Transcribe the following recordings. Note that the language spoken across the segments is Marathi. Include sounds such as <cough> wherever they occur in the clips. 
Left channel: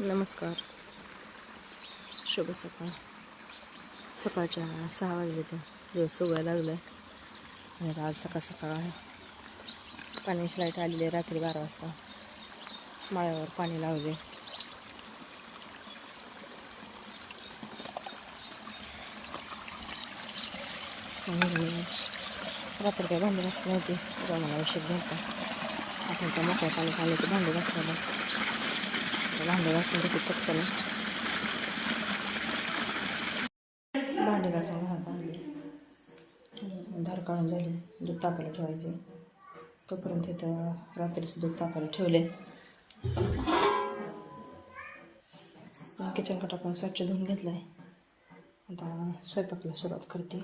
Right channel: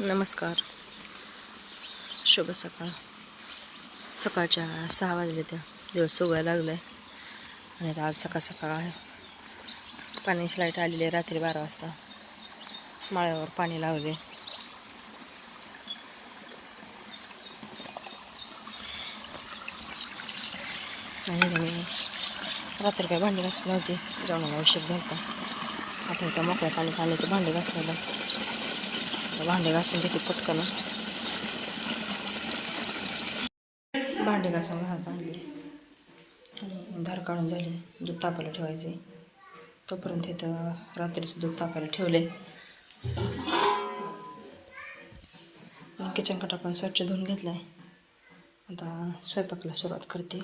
नमस्कार. शुभ सकाळ. सकाळच्या सहा वाजले त्या. दिवस उगायला लागलाय. आणि आता आज सकाळ सकाळ आहे. पाण्याची लाइट आलेली आहे रात्री बारा वाजता. माळ्यावर पाणी लावले. आणि रात्री काय भांडी घासली नव्हती. जेवणाला उशीर झाला आता मोकळ्या पाणी आले ते भांडी घासायला. भांडे घासून घेते पटकन. भांडे घासून घालत आणले. आणि धार काढून झाली. दूध तापायला ठेवायचे. तोपर्यंत इथं रात्रीचं दूध तापायला ठेवले. किचन कट आपण स्वच्छ धुवून घेतला आहे आता स्वयंपाकाला सुरुवात करते.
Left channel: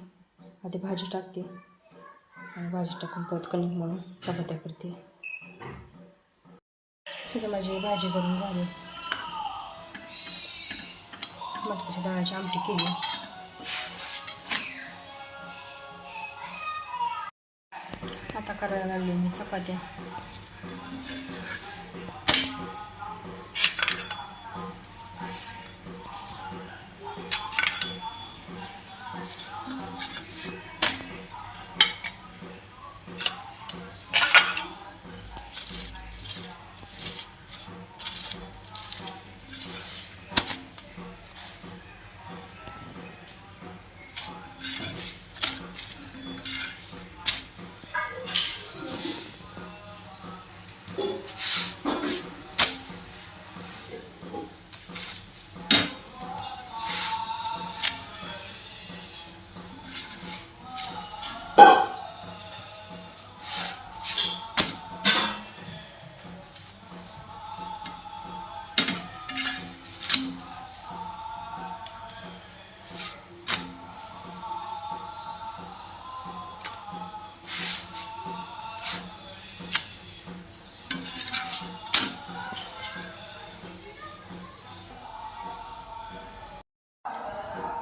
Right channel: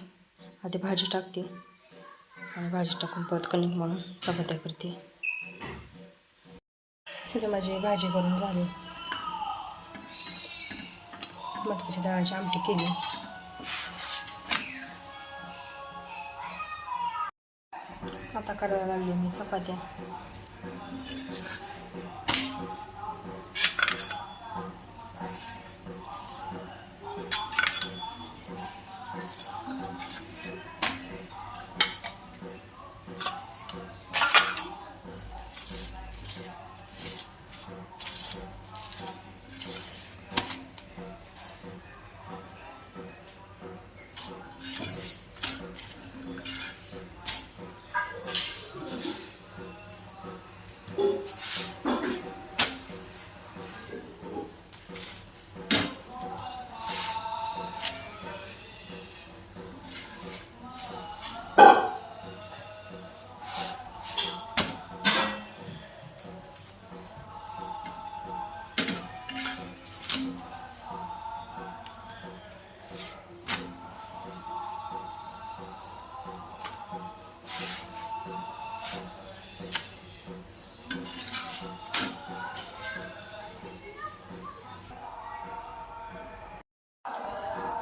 आधी भाजी टाकते. आणि भाजी टाकून परत कणिक म्हणून चपात्या करते. इथं माझी भाजी करून झाली. मटकीची डाळाची आमटी केली. आता करायला लागली मी चपात्या.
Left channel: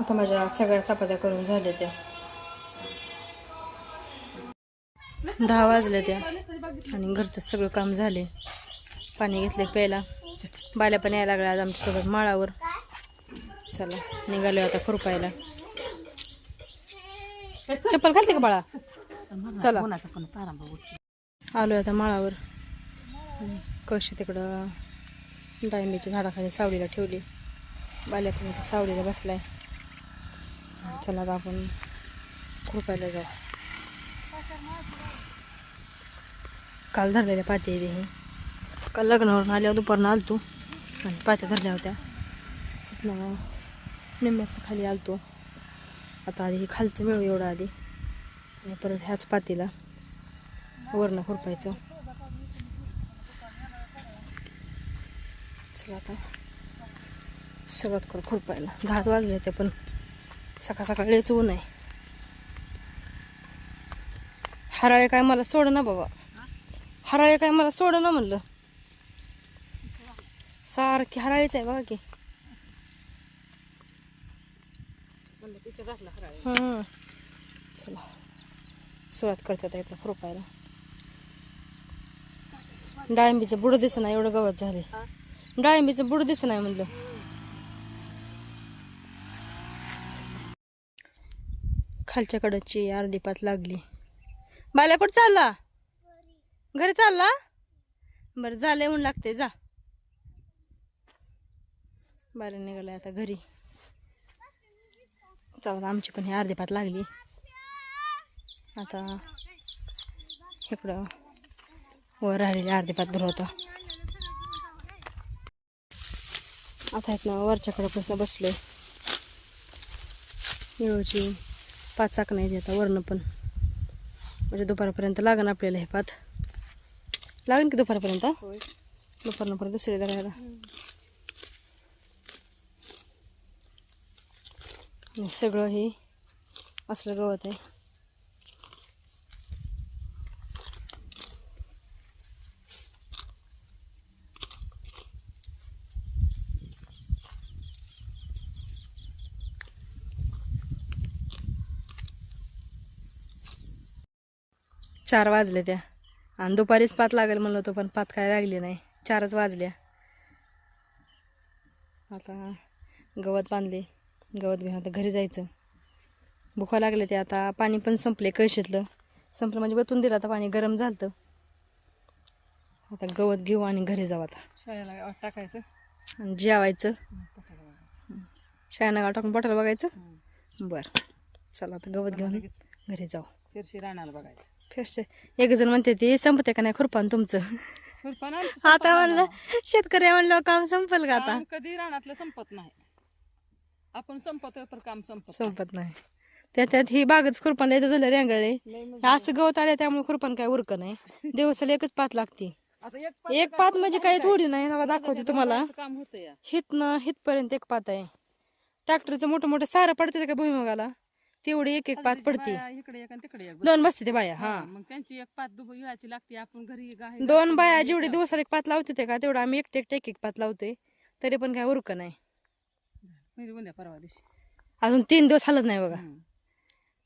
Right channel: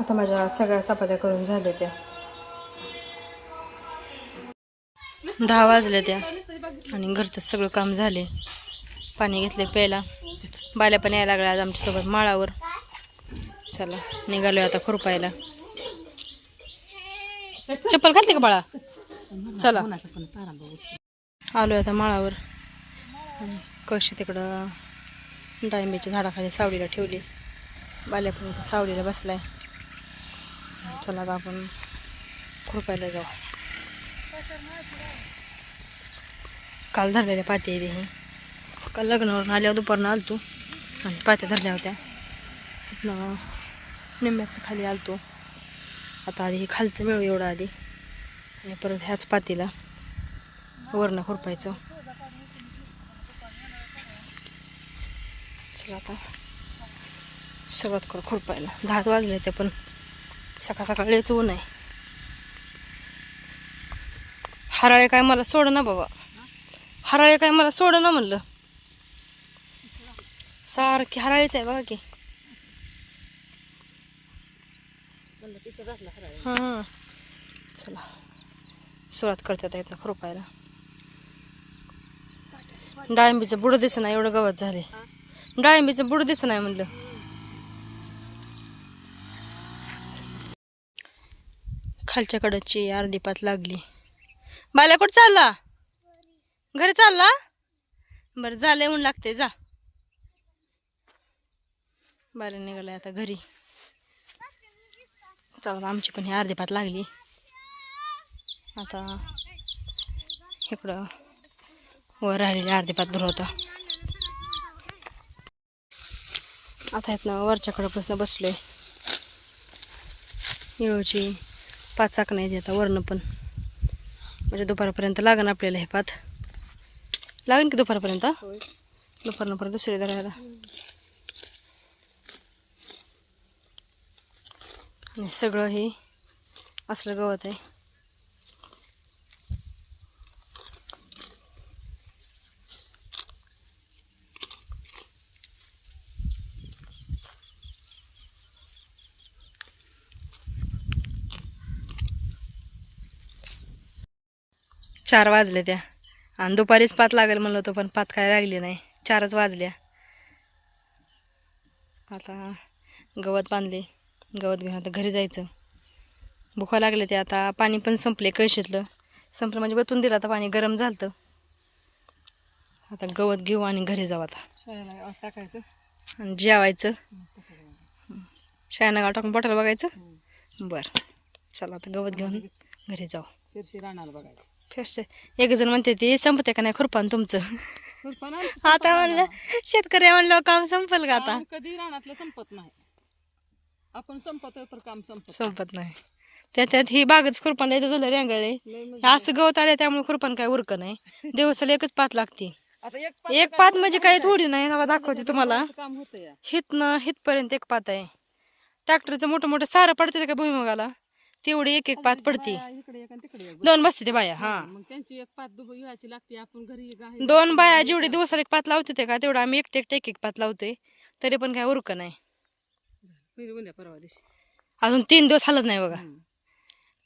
आता माझ्या सगळ्या चपात्या करून झाल्या त्या. दहा वाजल्या त्या. आणि घरचं सगळं काम झाले. पाणी घेतले प्यायला. बाल्या पण यायला लागल्या आज आमच्यासोबत माळावर. चला निघालोय आता खुरपायला. चप्पल घातली का बाळा? चला. आलोय आता माळावर. आणि कशी तिकडं डाळिंबीच्या झाडाखाली सावलीला ठेवली. बाल्या पण इथं सावलीला बसलाय. चला आता आपण खुरपायला जाऊ. काल धरलेल्या पाती आहे हे. काल लग्नावरून आल्यावर दुपारनं आलतो. आणि पात्या धरल्या होत्या. इथनं निम्म्यात खाली आलतो. आता आधी हे खालचं मिळू एवढं आधी आणि परत ह्याच पातीला वरणं खुरपायचं. चला आता सुरुवात करू खुरपायला. दहाच वाजले ते पण. सकाळ सकाळ लयच ऊन आहे. हराळे काय मला सोड ना बाबा. हराळे काय मला सोड ना म्हणलं. सारखी हराळीच आहे बघा की. हां. चला. सुरुवात करतात आता ना खरोपायला. डाळिंबीचं बुड दिसत नाही एवढं गवत झाले. डाळिंबीचं बुड दिसत नाही म्हणलं. खालच्या कडची अर्धी पात लागली. बाल्या कुठं चालला? घरी चालला? बरं झालं म्हणून लागते जा. बाल्या निघालाय आता घरी. चला आमची पण ही अर्धी पात लागली. आता इकडं वर राहिलेली अर्धी पात होता आता इथनं वरच्या कडपासून बसलोय. येळूची पाच चाक नाही आता वरनं पण. म्हणजे दुपारपर्यंत लागन आपल्याला हे पात. लागेल की दुपारपर्यंत? दुपारनं परत दुसरी धरायला. आणि सगळं हे असलं गवत आहे. चार वाजले त्या. आणि दुपारीच पात लागेल म्हणलं होतं पण पात काय लागली नाही. चारच वाजल्या. आता गवत बांधले. गवत घेऊन आता घरी जायचं. भुका लागले ते आता पाणी पण संपले कळशीतलं. संपलं म्हणजे बतून दिलं आता पाणी. गरम झालं आता गवत घेऊ आणि घरी जाऊ आता. शाळेला टाकायचं. आणि जेवायचं. गाव टाकून पोटाला बघायचं. बरं. चला आता गवत घेऊन घरी जाऊ. फिरशी रानाला बघायचं. फिरसे एक जण म्हणते ते संपते का नाही खुरपान तुमचं? आमचं संपत आता नाही म्हणलं शेतकरी म्हणलं काम संपल का आता? कधी रानातलं संपत नाही. आपण संपतोय तर काम संपत संपत नाही. त्यात त्यात ही बागच खुरपान येतो झालं रेंगळे लय म्हणजे असं गवत आले त्यामुळे खुरपान काय उरक नाही. दिवसाला एकच पात लागते. आता एक एक पात म्हणजे काही थोडी नाही नवा दाखवते तुम्हाला. काम होतं या. हितनं हितपर्यंत एक पात आहे. ट्रॅक्टरचं मोठं मोठं सारं पडते का भुईमुगाला? तेवढी एक एक पात पडते. बाया इकडे एक आणि तिकडे एक दोन बसते ते बाया हा. मग त्यांची एक पाच दुब इळाची लागते. आपण घरी दोन बाया जेवढे दिवसाला एक पात लावते ते का तेवढं आम्ही एकटे एकटे एक एक पात लावतोय. तरी पण काय उरक नाही. उद्या परवा दिवशी. अजून तीन दिवस हालत नाही बघा. हम्म.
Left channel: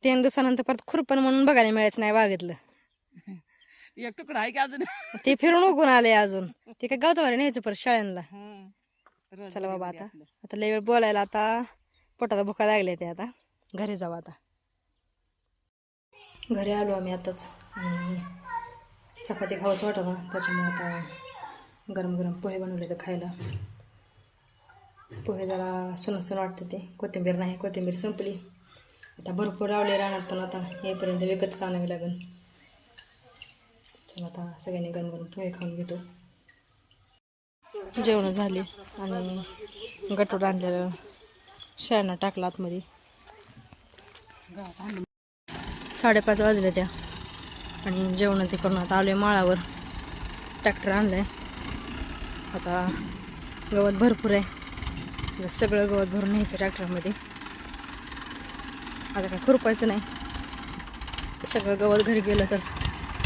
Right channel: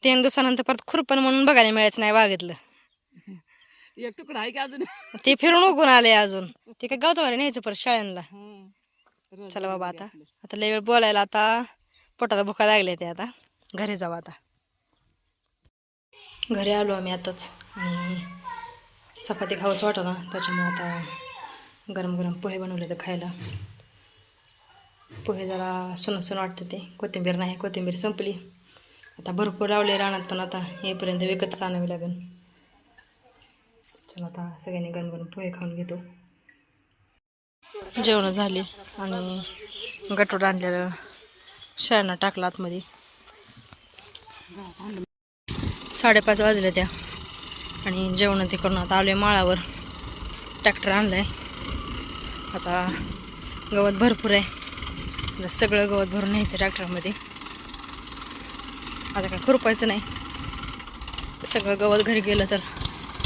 तीन दिवसानंतर परत खुरपण म्हणून बघायला मिळायचं नाही बागेतलं <laughs> एक तुकडा आहे की अजून? ते फिरून उगून आले अजून. ते काय <laughs> गवतवारी न्यायचं परत शाळेला हं. चला बाबा आता. आता लय वेळ बोलायला आता पोटाला भुका लागले ते आता. घरी जाऊ आता. घरी आलो आम्ही आताच. आणि चपाती खावंच वाटलं ना त्याच्यामुळे आता गरम गरम पोहे बनवले तर खायला. पोहे जरा सुन सुन वाटतं ते. कोथिंबीर नाही कोथिंबीर संपली. आता भरपूर लावले रानात पण आता येईपर्यंत विकतच आणावी लागेल. चला आता सगळ्यांनी गरम गरम पोहे खाऊन घेतो. जेवणं झाली आणि गटोड आणलेलं शाळांना टाकलं आतमध्ये. साडेपाच वाजले त्या. आणि जेवण ते करून आता आलोय माळावर. ट्रॅक्टर आहे आता गवत भरपूर आहे. सगळं गवत भरून न्यायचं ट्रॅक्टरमध्ये आता काय खुरपायचं नाही. सगळं गवत घरी गेलं तर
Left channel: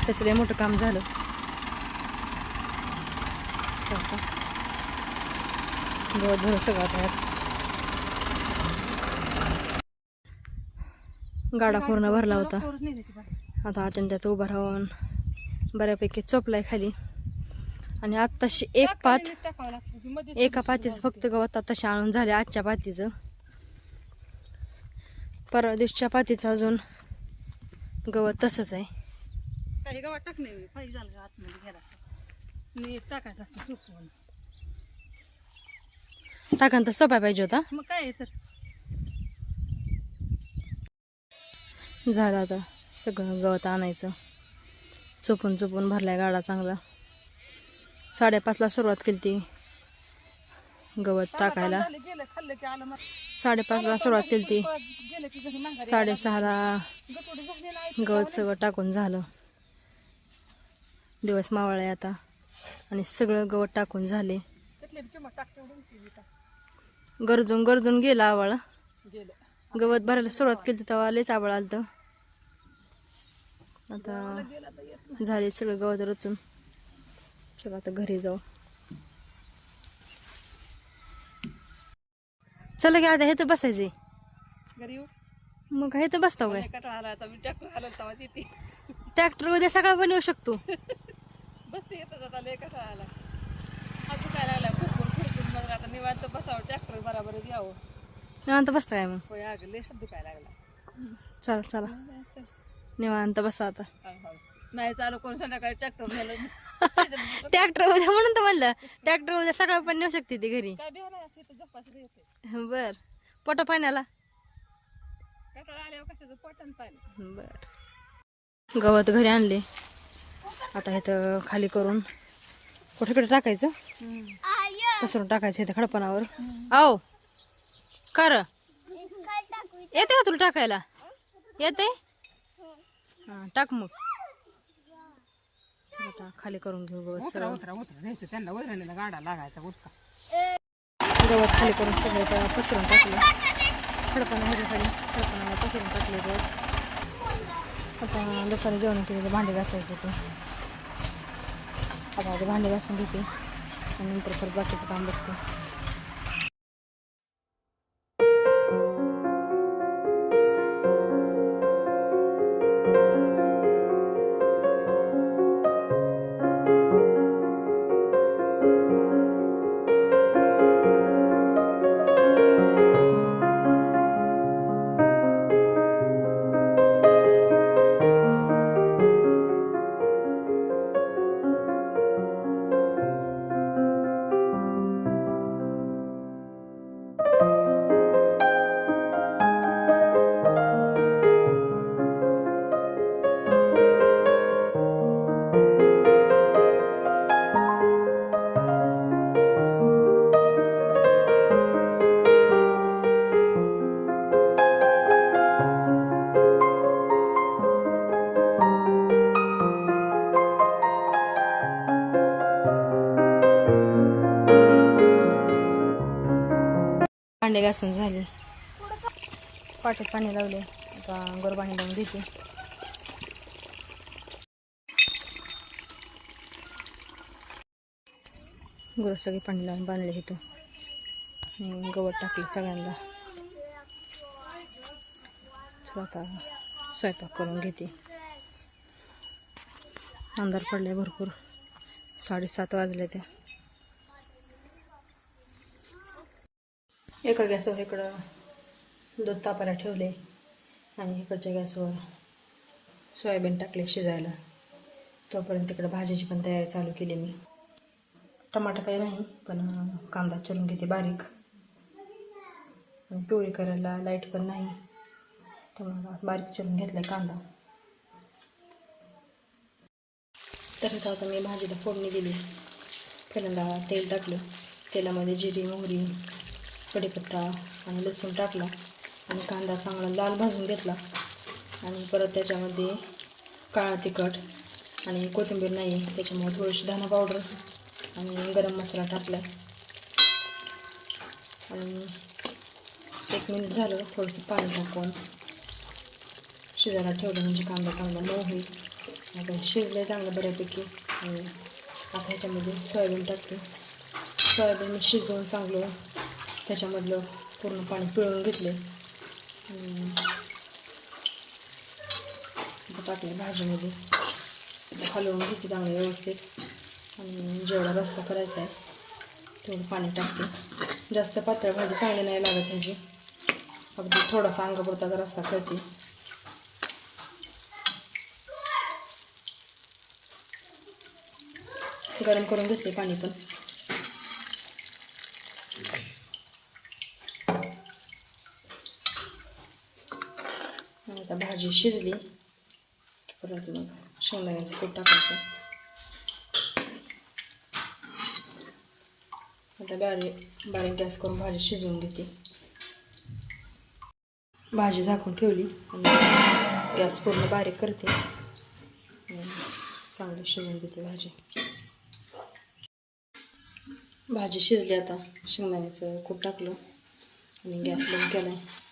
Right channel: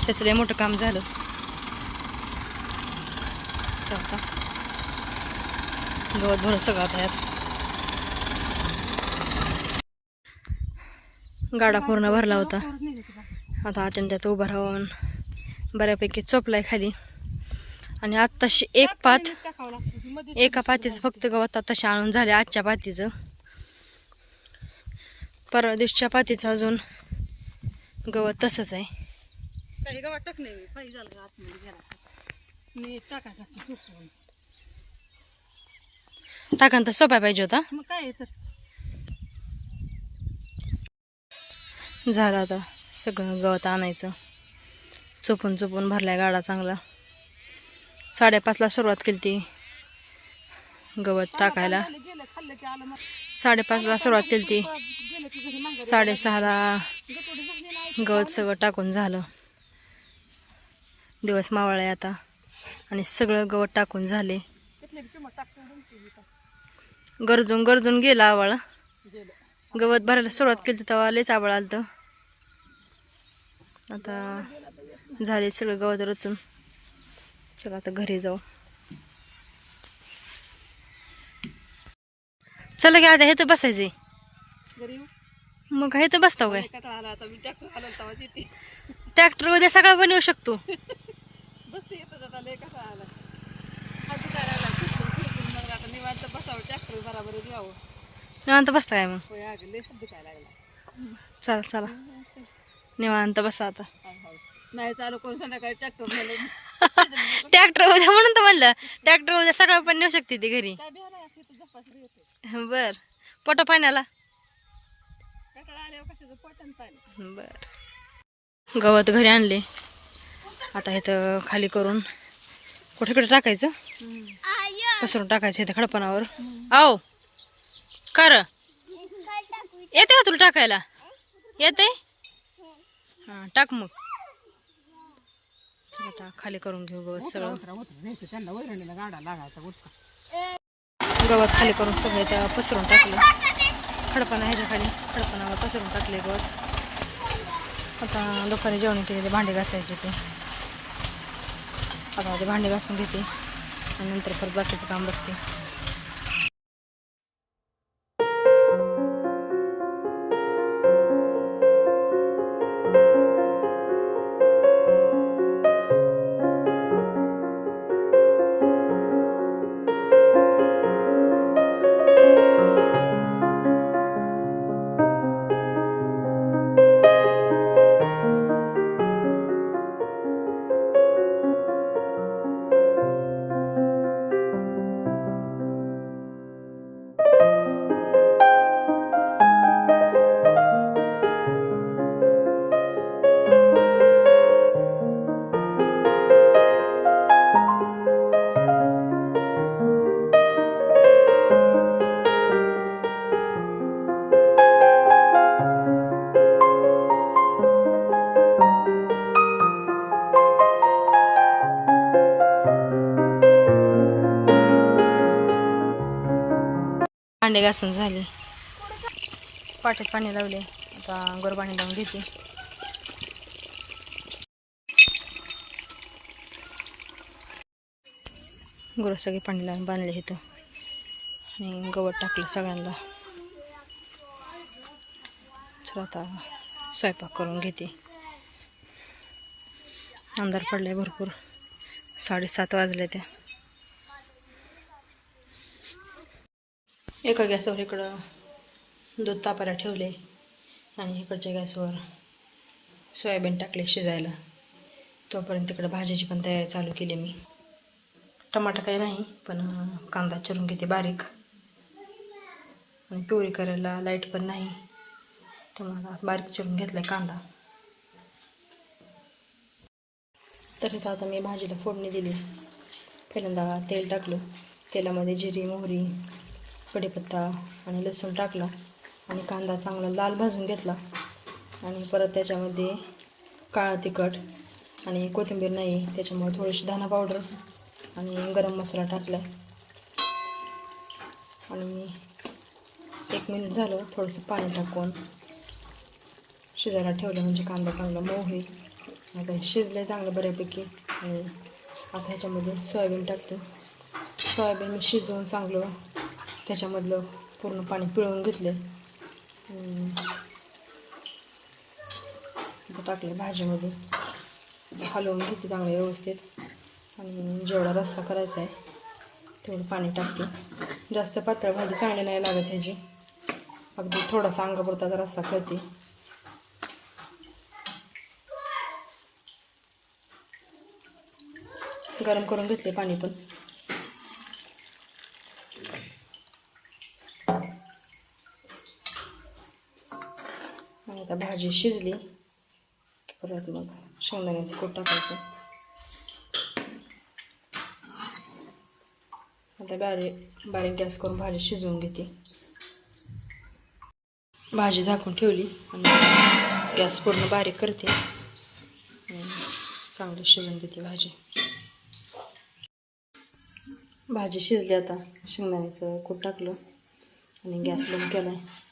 त्याचं लय मोठं काम झालं. गवत भरून सगळं आता यात. गाडा पूर्ण भरला होता. आता आतून त्यात उभं राहून बऱ्यापैकी चोपलाय खाली. आणि आत्ताशी एक पात एका पातीचं फक्त गवत आत्ताशी आणून झाले आजच्या पातीचं. परवा दिवशीच्या पातीचं अजून गवत तसंच आहे. काही गावात मी झालं आतमध्ये गेला टाकायचं असतं चुकून टाकान तर सोप्या पाहिजे होता. मग काय तर? झालं आता सगळं गवत आणायचं. चोपून चोपून भरलाय गाडा चांगला. साडेपाचला सुरुवात केली ती गवत टाकायला. साडेपाचला सुरुवात केली ती. साडेसहाला गवत सगळं टाकून झालं. दिवस मावळा आहे आता. आणि सगळं गवत टाकून झाले. गरजून गरजून गेला आवळ. गवत भरायला सुरुवात केली तेव्हा लयच आवळ आलं होतं. आता झाले सगळं गवत रचून. चला आता घरी जाऊ. चला की आता हे तर बसायचे मग हे तर बसताव काय? कटाळा आला आता मी ट्रॅक्टर उद्या सगळा पण येऊ शकतो. बसते निवांत बसता काय मग चला चला. निवांत बसा आता. नाही चालू कोण संध्याकाळी ट्रॅक्टर ट्रॅक्टर उद्या म्हणून तर म्हणलं ट्रॅक्टर उद्या सगळं पण नेऊ शकते ती घरी. बर. पोटा पाण्याला? बर. गवत घरी आणले. आता इथं खाली करून कुठे कुठे टाकायचं? पसरून टाकायचं इथं खडपणावर. आओ कर येते का तुला टाकायला? येते? हां टाक मग. आता खाली करून घेऊ गवत सगळं. त्यांना वैरणीला गाडा लागायचा उठका गवत खाली करून सगळे त्या पसरून टाकलं. खडपणा ह्याच्या खाली. खडपणावर पसरून टाकले गवत. आता दुपारी जेवण केलेले भांडे घासायचे ते. आता ते भांडे घासून घेते. आणि नंतर परत बाकीचं काम बघते. भांडे घासून झाले. पाट्यात पाणी लावले. आता गोर पाणी लावून घेते. गुरं सगळे पाणी लावून बांधले इथं. आणि गवत टाकलं सगळ्यांना. चला आता स्वयंपाक करून घेते. अंधार पडलाय भरपूर. साडेसात वाजले त्या. एका गॅसवर इकडं दूध तापायला ठेवले आणि इकडच्या गॅसवर सोयाबीन टाकले शिजायला. तोपर्यंत इकडं भाजीची पण तयारी चालू केली मी. टमाटा काही नाही पण कांदा चिरून घेते बारीक. आणि प्युरी करायला लाइट पण नाही. त्यामुळे आज बारीक चिरून घेतला कांदा. तर इथं आता मी भाजीला फोडणी दिली. पहिल्यांदा तेल टाकलं. तेलामध्ये जिरी मोहरी कढीपत्ता आणि लसूण टाकला आणि कांदा चांगला लाल भाजून घेतला. आणि परत त्याच्यामध्ये काळं तिखट आणि कोथिंबीर नाही त्याच्यामुळे थोडीशी धाना पावडर आणि गरम मसाला टाकला आणि एक मिनिट झालं थोडंसं पाणी टाकून शिजायला ठेवलं म्हणजे कांदा चांगला मऊ होईल. आता शिजलं चांगलं बऱ्यापैकी. आणि आता ह्याच्यामध्ये सोयाबीन टाकते. सोयाबीन मी शिजवून चांगलं त्याच्यामधलं पूर्ण पाणी पिळून घेतले. टाकले भाजीमध्ये. हलवून घेते चांगलं व्यवस्थित. आणि जेवढा रस्सा करायचा आहे तेवढं पाणी टाकते. जास्त पातळ भाजी चांगली नाही लागत ह्याची. अगदी थोडासा अंगापुरता रस्सा करते. गरम करून घेतले पाणी पण. आता भाजी शिजली. परत मग शेंगदाण्याचं कूट टाकायचं. आता बारीक बारीक गॅस करून भाजी शिजवून घेते. भाजी झाकून ठेवली आणि गॅस पूर्ण बारीक करते. चांगली शिजवून देते भाजी. भाजी शिजली आता. शेंगदाण्याचं कूट टाकलं आणि गॅस बंद केला आहे